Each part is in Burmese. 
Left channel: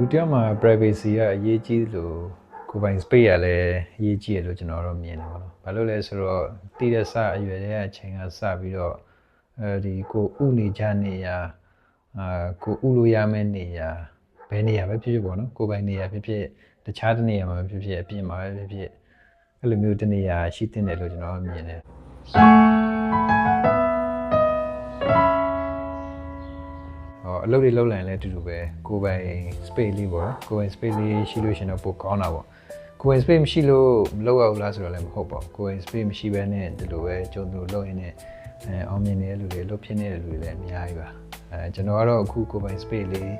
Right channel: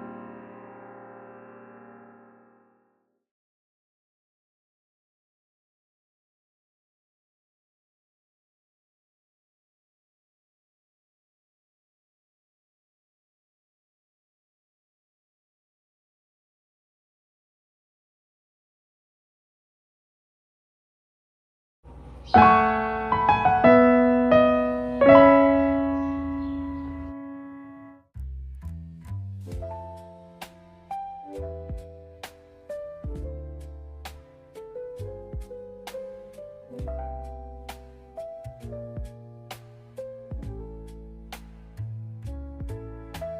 လူတယောက်မှာ privacy ကအရေးကြီးလို့ကိုယ်ပိုင် space ရလည်းအရေးကြီးရလို့ကျွန်တော်တို့မြင်တယ်ပေါ့နော်။ဘာလို့လဲဆိုတော့တည်တဲ့စအရွယ်တဲ့အချိန်ကစပြီးတော့ဒီကိုဥနေကြနေရကိုဥလို့ရမယ့်နေရဘယ်နေရပဲဖြစ်ဖြစ်ပေါ့နော်။ကိုယ်ပိုင်နေရဖြစ်ဖြစ်တခြားတနေရာမှာဖြစ်ဖြစ်အပြင်မှာပဲဖြစ်ဖြစ်အဲ့လိုမျိုးတနေရာရှိတင်တယ်လို့ကျွန်တော်မြင်တယ်။အလုပ်တွေလုပ်လိုက်လဲအတူတူပဲကိုယ်ပိုင် space လေးပေါ့နော်ကိုယ်ပိုင် space လေးရှိလို့ရှင်တော့ပိုကောင်းတာပေါ့ကိုယ်ပိုင် space မရှိလို့မလုပ်ရဘူးလားဆိုတော့လည်းမဟုတ်ပါဘူးကိုယ်ပိုင် space မရှိဘဲနဲ့ဒီလိုပဲကျုံသူလုပ်ရင်းနဲ့အောင်မြင်နေတဲ့လူတွေလုပ်ဖြစ်နေတဲ့လူတွေလည်းအများကြီးပါကျွန်တော်ကတော့အခုကိုယ်ပိုင် space လေး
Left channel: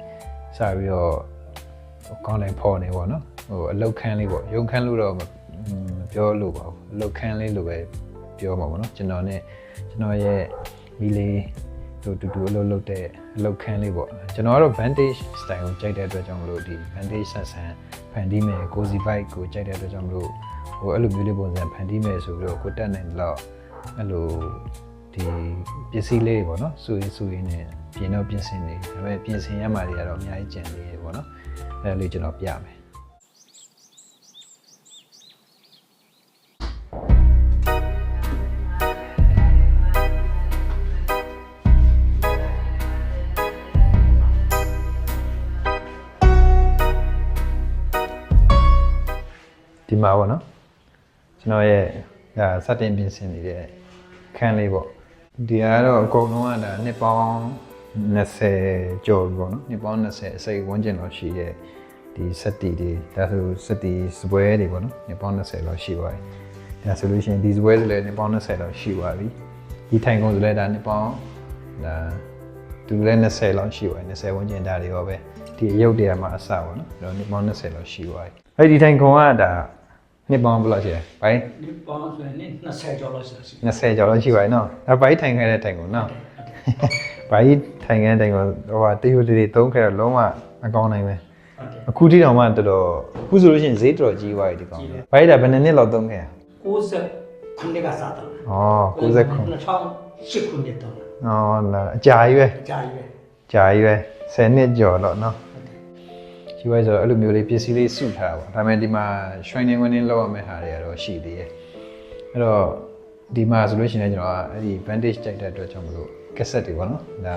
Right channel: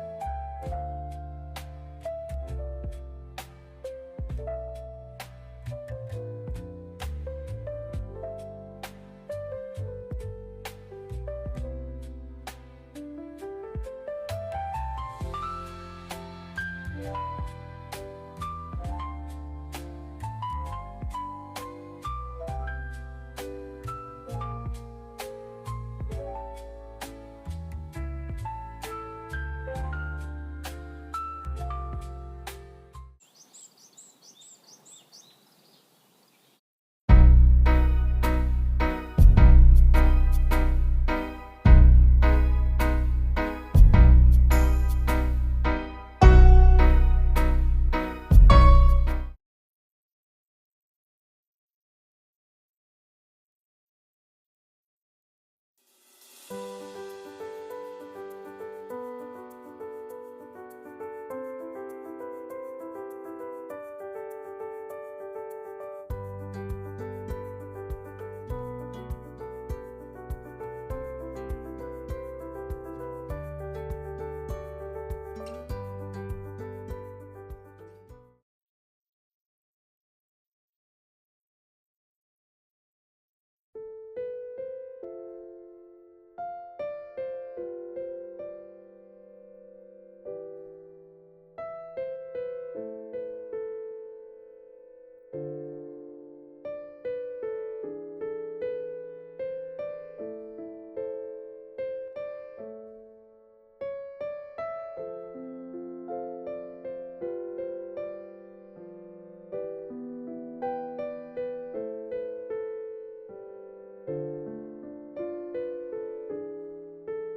စပြီးတော့ကောင်းတိုင်းဖော်နေပေါ့နော်အလုပ်ခန်းလေးပေါ့ရုံခန်းလို့တော့မပြောလို့ပါဘူးအလုပ်ခန်းလေးလိုပဲပြောမှာပေါ့နော်ကျွန်တော်ရဲ့မိလေးတူတူအလုပ်တဲ့အလုပ်ခန်းလေးပေါ့ကျွန်တော်ကတော့ Vantage style ကိုကြိုက်တဲ့အတွက်ကြောင့်မလို့ဒီ Vantage ဆန်ဖန်တီးမယ် cozy vibe ကိုကြိုက်တဲ့အတွက်ကြောင့်မလို့အဲ့လိုမျိုးလေးပုံစံဖန်တီးမယ်ဆိုပြီးတော့ကိုတက်နိုင်တော့အဲ့လိုဒီပစ္စည်းလေးပေါ့နော်စူရင်းနဲ့ပြင်တော့ပြင်ဆင်နေဒါပေမဲ့ပြင်ဆင်ရမှာတွေကတော့အများကြီးကြံနေရပေါ့နော်အဲ့ဒါလေးကျွန်တော်ပြမယ်ဒီမှာပေါ့နော်ကျွန်တော်ရဲ့ဒါစတင်ပြင်ဆင်နေတဲ့ခန်းလေးပေါ့ဒီကတော့အကုန်လုံးကဒါနှစ်ပေါင်း20ကျော်ပြီပေါ့နော်နှစ်ပေါင်း20အစိတ်ဝန်းကျင်လောက်ရှိတဲ့ဒီစက်တီတွေဒါဆိုစက်တီစပွဲတွေပေါ့နော်နှစ်ပေါင်း20လောက်ရှိပါပြီဒါဆိုလို့ရှိရင်ဒီစပွဲဆိုလည်းနှစ်ပေါင်း20လောက်ရှိပါပြီဒီထိုင်ကုန်ဆိုလည်းဒါနှစ်ပေါင်းဒါသူလည်း20လောက်ရှိပါပြီ20ဝန်းကျင်ဒါတွေရောပဲဒီရုပ်တရားမှာအစပေါ့နော်ဒါနှစ်ပေါင်း20လောက်ရှိပါပြီအဲ့ဒီထိုင်ကုန်ကဒါနှစ်ပေါင်းဘယ်လောက်ရှိလဲ။ဘိုင်းနှစ်ပေါင်းဆိုရင်20ကျော်လောက်ရှိတယ်။20ကျော်လောက်ရှိပါရဲ့နော်။ဒါဘိုင်းထိုင်ခဲ့တဲ့တိုင်ကုန်နော်။ဘိုင်းထိုင်ခဲ့တဲ့တိုင်ကုန်ဟိုတရုတ်တွေသုံးခဲ့တော့လုံးဝမကောင်းနိုင်ပဲ။အခုထိတောင်မှတော်တော်အခုဆိုလို့ရှိရင်ဈေးတော်ကြီးသွားပြီဒီကောင်။ဘိုင်းဒါဘယ်နှစ်နှစ်လောက်သုံးခဲ့။90ခုနှစ်ကစားတော့။အော်90ခု2008ခုနှစ်တော့။အော်လားအကြာကြီးပဲ။အကြာကြီးပဲ။ကြာကြီးပဲ10နှစ်ကျော်တော့နော်။ဒီဝိုင်းဆိုအဲ့လိုမျိုးလေးပစ္စည်းလေးစုထားတာပေါ့ဒါပေမဲ့ဒီမှာ shrine winning လောက်ရမယ့်ဟာတွေကတော့ရှိသေးတယ်အဲ့တော့ဒီမှာဆိုလို့ရှိရင်ကျွန်တော်ကအဲ့ဒီ Vantage ကြိုက်တဲ့အတွက်ကြောင့်မလို့ cassette တွေပေါ့နော်ဒါ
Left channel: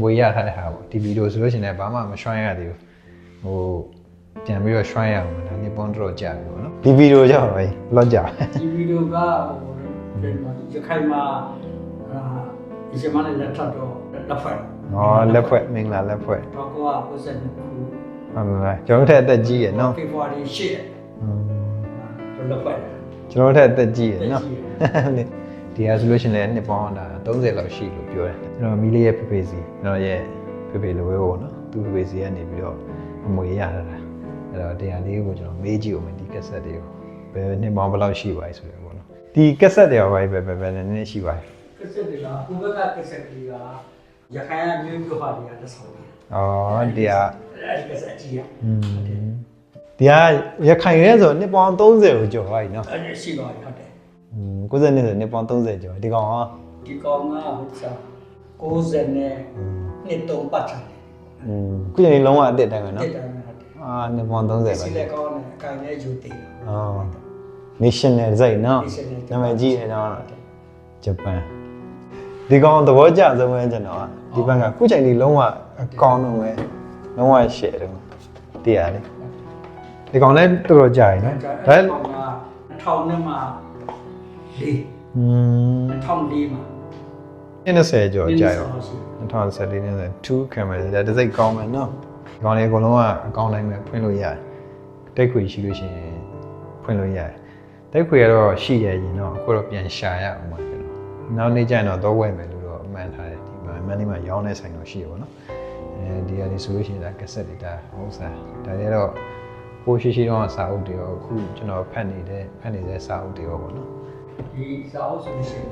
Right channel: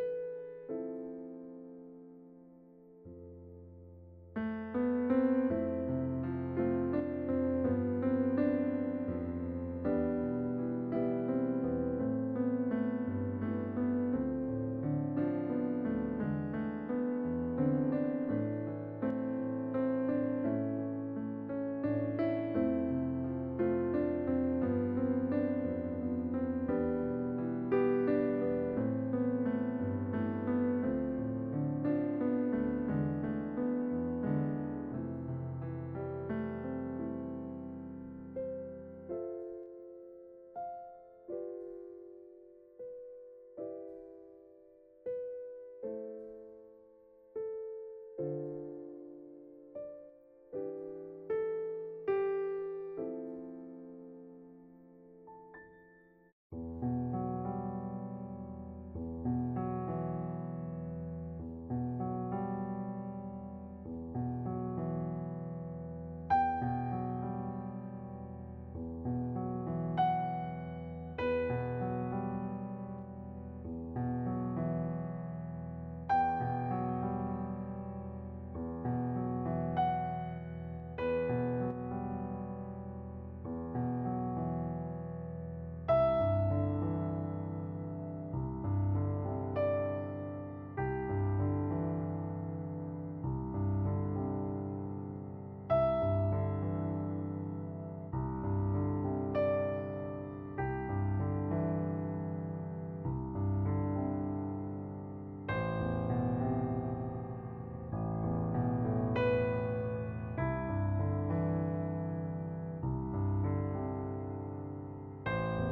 မွေရထားတဲ့ဟာပေါ့ဒီဗီဒီယိုဆိုလို့ရှိရင်ဘာမှမ shrine ရသေးဘူးဟိုပြန်ပြီးတော့ shrine ရမှာဒါဒီပုံတော့ကြာပြီပေါ့နော်ဒီဗီဒီယိုကြောင့်ပဲလော့ကြာဒီဗီဒီယိုကရခိုင်မှာဒီစမနဲ့လက်ထပ်တော့လက်ဖွဲ့လက်ဖွဲ့မင်္ဂလာလက်ဖွဲ့တော့ကိုက90ဟုတ်လားကျွန်တော်ထက်အသက်ကြီးရယ်နော်ဖေဖော်ဝါရီ8ရက်လက်ဖွဲ့ကျွန်တော်ထက်အသက်ကြီးရယ်နော်ဒီဟာဆိုလို့ရှိရင်လည်းနှစ်ပေါင်းတာ30လောက်ရှိလို့ပြောတယ်ကျွန်တော်မီးလေးရဲ့ဖေဖေစီကျွန်တော်ရဲ့ဖေဖေလိုပဲပေါ့နော်သူ့ဖေဖေစီကနေပြီးတော့အမွေရတာအဲ့တော့တရားလေးကိုကျွန်တော်မေးကြည့်ဦးမယ်ဒီကက်ဆက်တွေကိုဘယ်နှစ်ပေါင်းဘယ်လောက်ရှိပါလဲဆိုတော့ပေါ့နော်ဒီကက်ဆက်တွေရောပဲနည်းနည်းရှိပါလဲကက်ဆက်တွေကဟိုဘက်ကကက်ဆက်တွေကရခိုင်မျိုးဟာတွေကတစ်ဆောင်တယ်တရားအဲ့ဒီကက်ဆက်ကြီးอ่ะဒီကရခိုင်ရဲဆိုနှစ်ပေါင်း30ကိုကျော်သွားပြီနော်အဲ့ရှိပါဟုတ်တယ်90နှစ်ဆိုနှစ်ပေါင်း30ကျော်ဒီကောင်ကဒီကောင်ကဟုတ်စား90နဲ့နှစ်3ပတ်ချာခုချိန်လုံးဝအစ်စ်တိုင်းပဲနော်တစ်တိုင်းဟုတ်တယ်နှစ်ပေါင်း30ပဲစီလက်ကောင်းတယ်အကင်နဲ့ယူတည်national စိတ်နော်နာမည်ကြီးတယ်နော်ဂျပန်ဒီကောင်သဘောကျဆုံးပဲကျွန်တော်ကဒီဘက်ကခုချိန်ဒီလုံးဝအကောင်းတော့ပဲလုံးဝ share တယ်တရားလေဒီကောင်လည်းတော်တော်ကြာပြီနော်ဒါ2000နဲ့မှ2004မှာ20ကျော်ကြာရော2014နဲ့2 camera ဒါတစ်စိတ်ကောင်းမယ်နော်ဒီကောင်လေးအကုန်လုံးကအကောင်းတိုင်းပဲဖွင့်လို့ရတယ်တက်ခွေရှိလို့ရှိရင်ဖွင့်လို့ရတယ်တက်ခွေကတော့ရှိရရင်တော့အခုတော့ပြန်ရှာရအောင်ပါနောက်နေ့ကျရင်တော့ဝယ်မယ်လို့တော့အမှန်ထားတယ်ဒီမှာမန်ဒီမှာရောင်းတဲ့ဆိုင်တော့ရှိရပါတော့ဒီကနေဆိုလို့ရှိရင်ဒါကက်ဆက်တွေဒါဟုတ်စားဒါတွေတော့ပိုးရှိတော့စာအုပ်တွေရောအခုကျွန်တော်ဖတ်နေတဲ့စာအုပ်တွေရောပေါ့နော်ဒီစာအုပ်ဆိုရှင်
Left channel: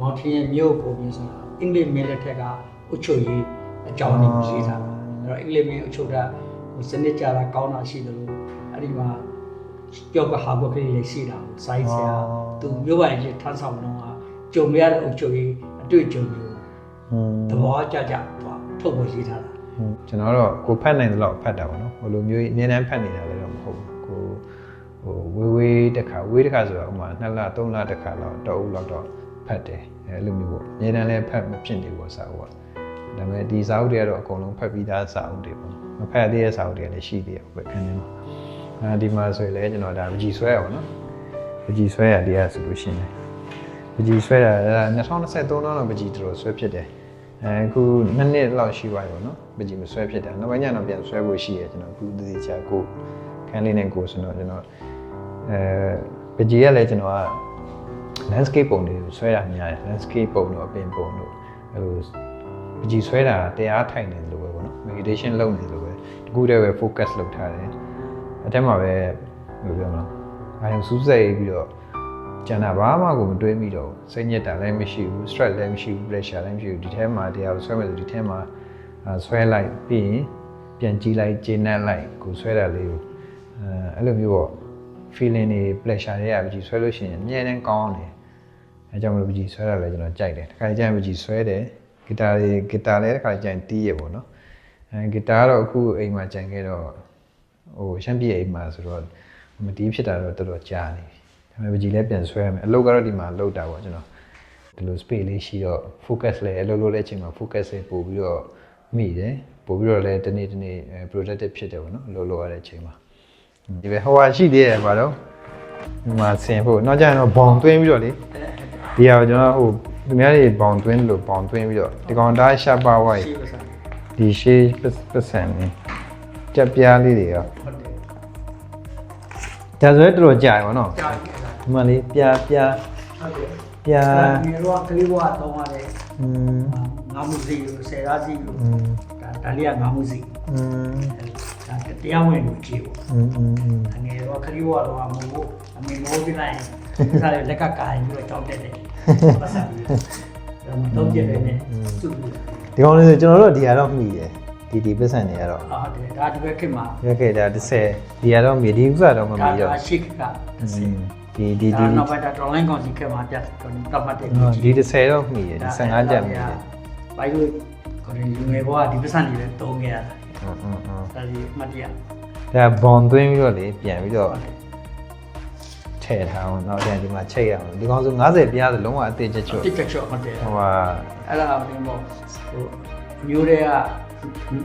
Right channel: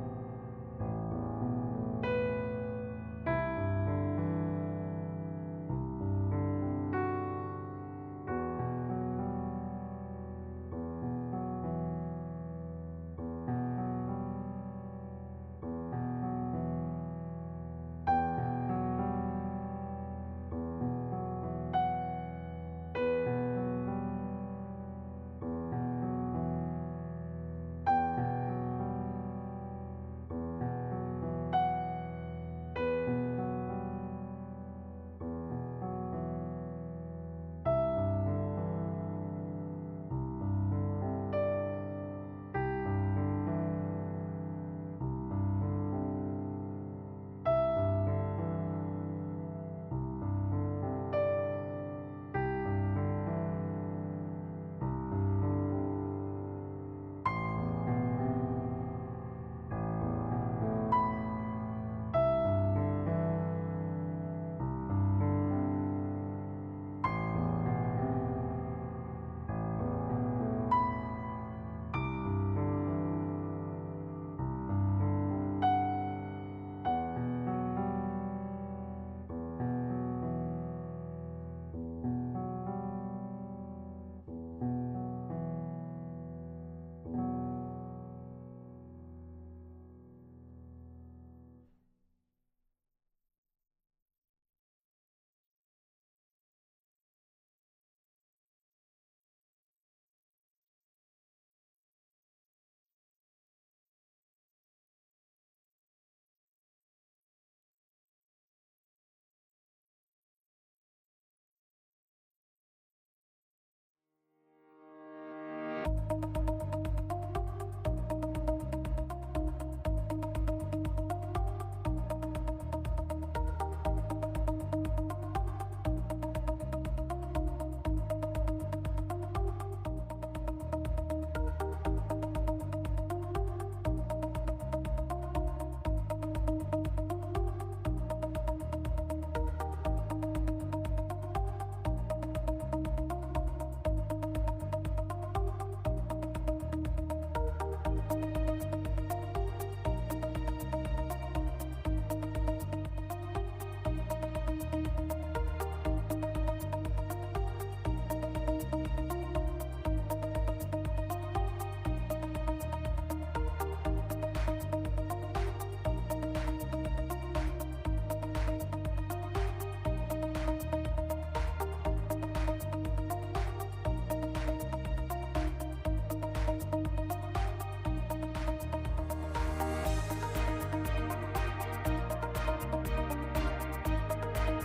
မော်ထင်းမြို့ပုံပြီးဆိုတာအင်္ဂလိပ်မင်းလက်ထက်ကအုပ်ချုပ်ရေးအကြောင်းတွေရေးထားတာအဲ့တော့အင်္ဂလိပ်မင်းအုပ်ချုပ်တာစနစ်ကြတာကောင်းတာရှိတယ်လို့အဲ့ဒီမှာပြောကဟာဘုတ်ကလေးလေးရှိတာစိုင်းဆရာသူမြို့ပိုင်ကြီးထမ်းဆောင်တော့ကြုံရတဲ့အုပ်ချုပ်ရေးအတွေ့အကြုံတွေသဘောကျထုတ်ပေါ်ရေးထားတာ ကျွန်တော်တော့ကိုဖတ်နိုင်တယ်လို့ဖတ်တာပေါ့နော်ဟိုလိုမျိုးအများနဲ့ဖတ်နေတာလည်းတော့မဟုတ်ဘူးကိုဟိုဝေးတစ်ခါဆိုတော့ဥမာ2လ3လတစ်ခါတော့တော့ဦးတော့ဖတ်တယ်အဲလိုမျိုးပေါ့အများနဲ့လည်းဖတ်မဖြစ်နေဘူးစာအုပ်ကဒါပေမဲ့ဒီစာအုပ်တွေကတော့အကုန်လုံးဖတ်ပြီးသားစာအုပ်တွေပေါ့မဖတ်သေးတဲ့စာအုပ်တွေလည်းရှိသေးတယ်ပဲခန်းထဲမှာဒီမှာဆိုရင်လည်းကျွန်တော်ဒါပကြီးဆွဲရပါတော့ပကြီးဆွဲရတရားဆိုလို့ရှိရင်ပကြီးဆွဲတာ2023တော့ပကြီးတို့ဆွဲဖြစ်တယ်အခု2နှစ်လောက်ရှိပါပြီပေါ့နော်ပကြီးမဆွဲဖြစ်တာနောက်ပိုင်းကျတော့ပြန်ဆွဲဖို့ရှိရကျွန်တော်အခုဒီချာကိုခန်းလေးနဲ့ကိုဆိုတော့ကျွန်တော်ပကြီးရလည်းကျွန်တော်က landscape ပုံတွေဆွဲတာများတယ် landscape ပုံတို့အပင်ပုံတို့အဲလိုပကြီးဆွဲတာတရားထိုင်နေတယ်လို့ပဲပေါ့နော် meditation လုပ်နေတယ်လို့ပဲတကူတည်းပဲ focus လုပ်ထားတယ်အတက်မှာပဲဘယ်လိုပြောမလဲအာရုံစူးစိုက်ပြီးတော့ကျန်တာဘာမှကိုမတွေးမိတော့စိတ်ညစ်တာလည်းမရှိဘူး stress လည်းမရှိဘူး pressure လည်းမရှိဘူးဒီထဲမှာတရားဆွဲမယ်ဆိုဒီထဲမှာဆွဲလိုက်ပြီးရင်ပြန်ကြည့်လိုက်ကျေနပ်လိုက်ကိုဆွဲတာလေးကိုအဲ့လိုမျိုးပေါ့ feeling တွေ pressure တွေကပကြီးဆွဲလို့ရှိရင်အမြဲတမ်းကောင်းတယ်အဲကြောင့်မလို့ပကြီးဆွဲတာလည်းကျွန်တော်ကြိုက်တယ်တစ်ခါကျရင်ပကြီးဆွဲတယ်ဂီတာလည်းတစ်ခါကျရင်တီးရပေါ့နော်ဂီတာကတော့အခုအိမ်မှာကြံခဲ့တော့ဟိုရှမ်းပြည်အိမ်မှာဆိုတော့မတီးဖြစ်တာတော့တော်တော်ကြာနေဒါပေမဲ့ပကြီးလည်းပြန်ဆွဲရမယ်အလုပ်ကတော့ဒီမှာလုပ်တာပေါ့ကျွန်တော်ဒီလို space လေးရှိတော့ focus လည်းအလုပ်လုပ်တဲ့အချိန်မှာ focus လေးပို့ပြီးတော့မိတယ်ပို့ပြီးတော့လည်းတနေ့ productive ဖြစ်တယ်ပေါ့နော်အလုပ်လုပ်ရတဲ့အချိန်မှာဒီပဲဟိုဟာရှိသေးတယ်ဘာလို့ဒီမှာဆင်ဖို့နောက်ကျရင်တော့ဘောင်သွင်းပြီးတော့လေဒီဟာကျွန်တော်ဟိုသူများတွေဘောင်သွင်းလို့ဘောင်သွင်းပြီးတော့ဒီကောင်တားရှာပါဝိုက်ဒီရှေးပတ်စံနေကြက်ပြားလေးတွေကဒါဆိုရင်တော်တော်ကြာရပါတော့ဒီမှာလေးပြားပြားဒီတော့ကလေးဘွားတော့ရတယ်ငါမှုစီကိုဆယ်သားစီကိုဒါလေးကငါမှုစီဒါတရားဝင်ကိုကြည့်ပေါ့ငယ်တော့ကလေးဘွားတော့မဟုတ်အမေမိုးပြလိုက်စားရလက်ကကာရင်ပြီးတော့ကြောက်တယ်ပတ်စံတော့ပြည့်တယ်နဲ့သူ့ဒီကောင်လေးဆိုကျွန်တော်တို့ဒီဟာတော့မှီတယ်ဒီပတ်စံတွေကတော့ဟုတ်တယ်ဒါဒီဘက်ခင်မှာဒီခေတ်ဒါ30ဒီကတော့မှီဒီဥစ္စာတော့မမှီတော့ဒါရှိကဒီနောက်ပိုင်းတော့ online ကောင်စီခင်မှာပြတ်တော့မှတ်တယ်ဒီ30တော့မှီတယ်15ကျပ်မှီတယ်ဘိုင်ကိုခေါင်းဒီငယ်ဘွားဒီပတ်စံတွေလည်းတုံးခဲ့ရတာဒါဒီမှတ်ရဒါဘွန်သွင်းပြီးတော့လေပြန်ပြီးတော့ထည့်ထားအောင်နောက်ပြန်ဒီမှာချိတ်ရအောင်ဒီကောင်ဆို90ပြားဆိုလုံးဝအသေးချက်ချော့တိတ်ချက်ချော့ဟုတ်တယ်ဟိုဟာအဲ့ဒါကဘုံမျိုးတွေက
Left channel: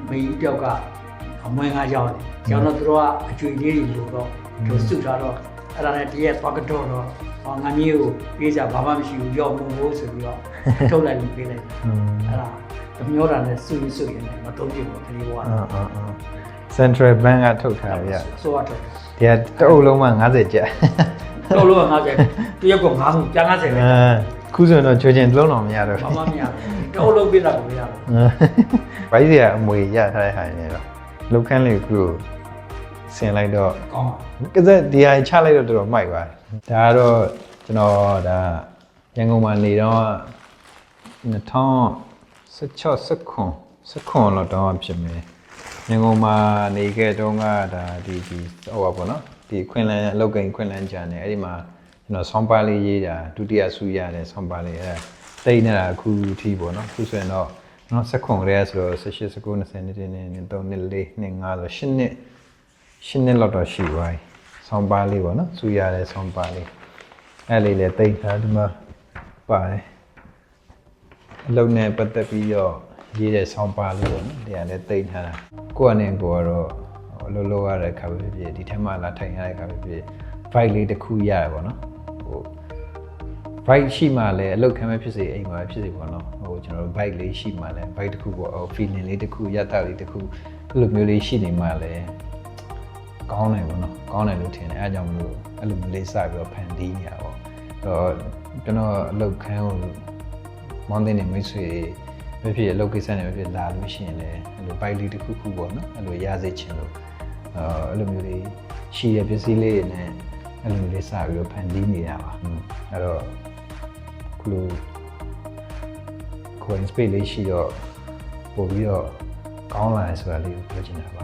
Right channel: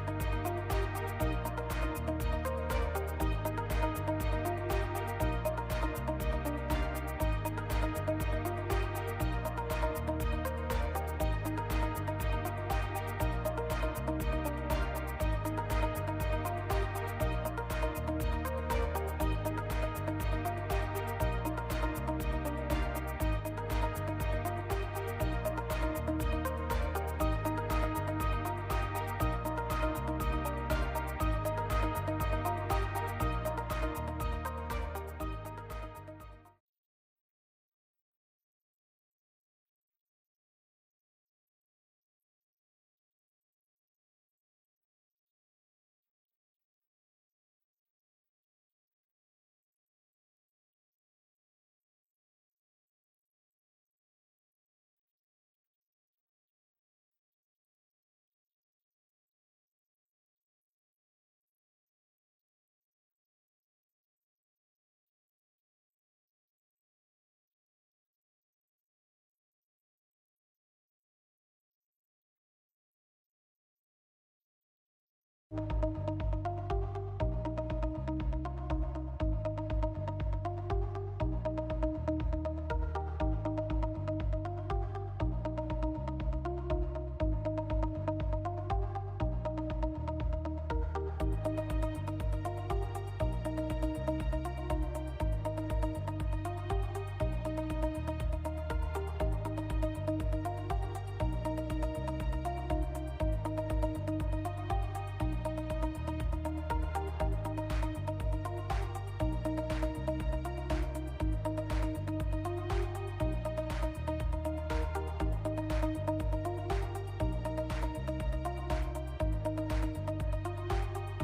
မေးပြောက်ကအမွေငါရောက်တယ်ကျောင်းတော့သူတို့ကအကျွေလေးတွေလို့တော့သူစုထားတော့အဲ့ဒါနဲ့တရက်သွားကတော့ငါမျိုးကိုပြေးကြဘာမှမရှိဘူးရောက်လို့ဆိုပြီးတော့ထုတ်လိုက်ပြီးပြေးလိုက်အဲ့ဒါမျိုးတာနဲ့စုရင်မတုံးပြဘူးဒီကွာCentral Bank ကထုတ်ထားရဆိုတော့ဒီကတအုပ်လုံးမှ90ကျပ်တအုပ်လုံးက90တရက်ကို90ကျန်90ပဲခုဆိုတော့ချိုးချင်းလုံးတော်မရတော့ဘာမှမရတအုပ်လုံးပြတာကိုမရဘူးဘိုင်းစီကအမွေရထားတဲ့ဟာနေတော့လုတ်ခန်းလေးကိုဆင်လိုက်တော့ကောင်းကစက်ဒီဟာချလိုက်တော့တော်တော်မိုက်ပါတယ်ဒါကတော့ကျွန်တော်ဒါရန်ကုန်မှာနေတော့2016လောက်တော့ဖြစ်မယ်ရန်ကုန်မှာနေခဲ့တော့ကဒါဒီဟိုပါပေါ့နော်ဒီခွင်လန်းအလုပ်ကိန်းခွင်လန်းကြံနေအဲ့ဒီမှာကျွန်တော်ဆောင်းပါးလေးရေးတာဒုတိယဆူရတဲ့ဆောင်းပါးလေးအဲ့တိတ်နေတာအခုထိပေါ့နော်အခုဆိုရင်တော့နော်စက်ခွန်ရဲဆိုတော့18 19 20နှစ်နေ3နှစ်4နှစ်5ဆို8နှစ်လောက်တော့ရှိသွားပြီဆောင်းပါးလေးပေါ့နော်ဆူရတဲ့ဆောင်းပါးလေးအဲ့လေးလည်းတိတ်ထားဒီမှာပါတယ်အလုပ်နဲ့ပတ်သက်ပြီးတော့ရေးတဲ့ဆောင်းပါးလေးပေါ့နော်တရားလည်းတိတ်ထားတာကိုယ့်အနေကိုကတော့အလုပ်လုပ်ရတဲ့ခါပဲဖြစ်ဒီထဲမှာလာထိုင်ရတဲ့ခါပဲဖြစ် vibe လေးတစ်ခုရတယ်ပေါ့နော်ဟို vibe ရှိမှလည်းအလုပ်ခံမဲ့ဖြစ်စေအိမ်မှာဖြစ်စေပေါ့နော်ဟိုကျွန်တော်တို့ vibe လေးရှိမှလည်း vibe တစ်ခုပေါ့ feeling လေးတစ်ခုရတလေးတစ်ခုအဲ့လိုမျိုးလေးရှိနေမှလည်းကောင်းတယ်ပေါ့နော်ကောင်းတယ်လို့ထင်တယ်အဲအကြောင်းမျိုးအဲ့လိုလေးစပြီးတော့ဖန်တီးနေတာပေါ့တော့ကျွန်တော်အလုပ်ခံကိုမောင်းတဲ့နေမိတ်ဆွေဖြစ်အလုပ်ကိစ္စနဲ့ဖြစ်လာလို့ရှိရင်လည်းအဲ့လို vibe လေးတစ်ခုခုပေါ့နော်အဲ့လိုရစေချင်လို့အဲ့လိုမျိုးလေးရှိရပစ္စည်းလေးတွေနဲ့အဲ့လိုလေးစပြီးတော့ဖန်တီးနေရပါအဲ့တော့ခုလို coin space လေးရှိတော့ပို့ပြီးတော့ကောင်းလာတယ်ဆိုတာလေးကိုပြောချင်တာပါ